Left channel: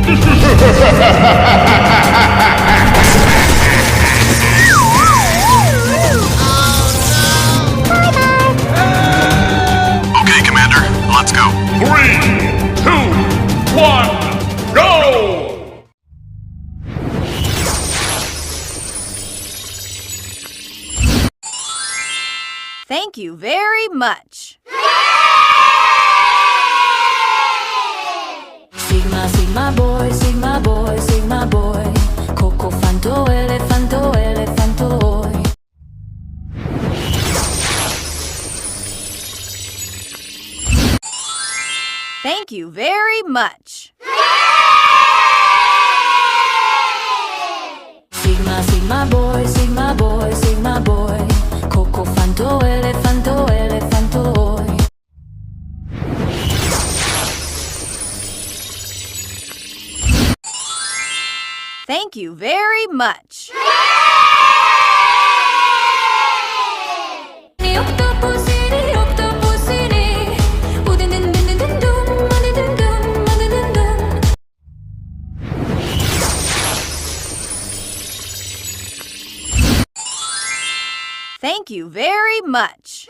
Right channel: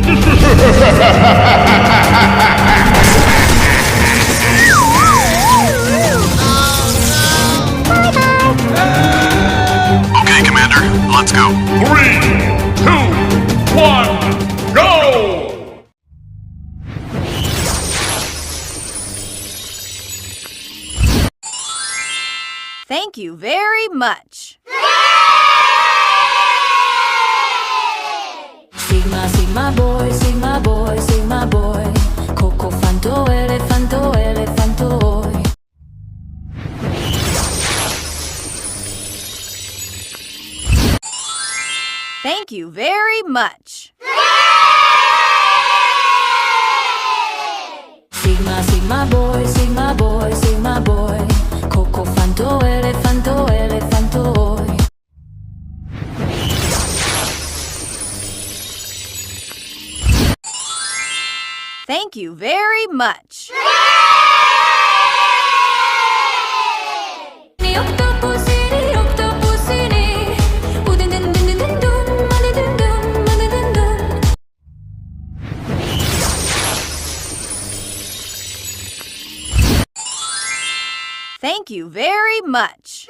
Okay, Commander, let's go. 3, 2, 1, go! Thank you very much. Sigma, Sigma boy, Sigma boy, Sigma boy. Coco fanto, elefanto, elefanto. Thank you very much. Sigma, Sigma boy, Sigma boy, Sigma boy. Coco fanto, elefanto, elefanto. Thank you very much. Octopusini, octopusini. Udin din din din din dum, mani din dum, mani din dum. Thank you very much.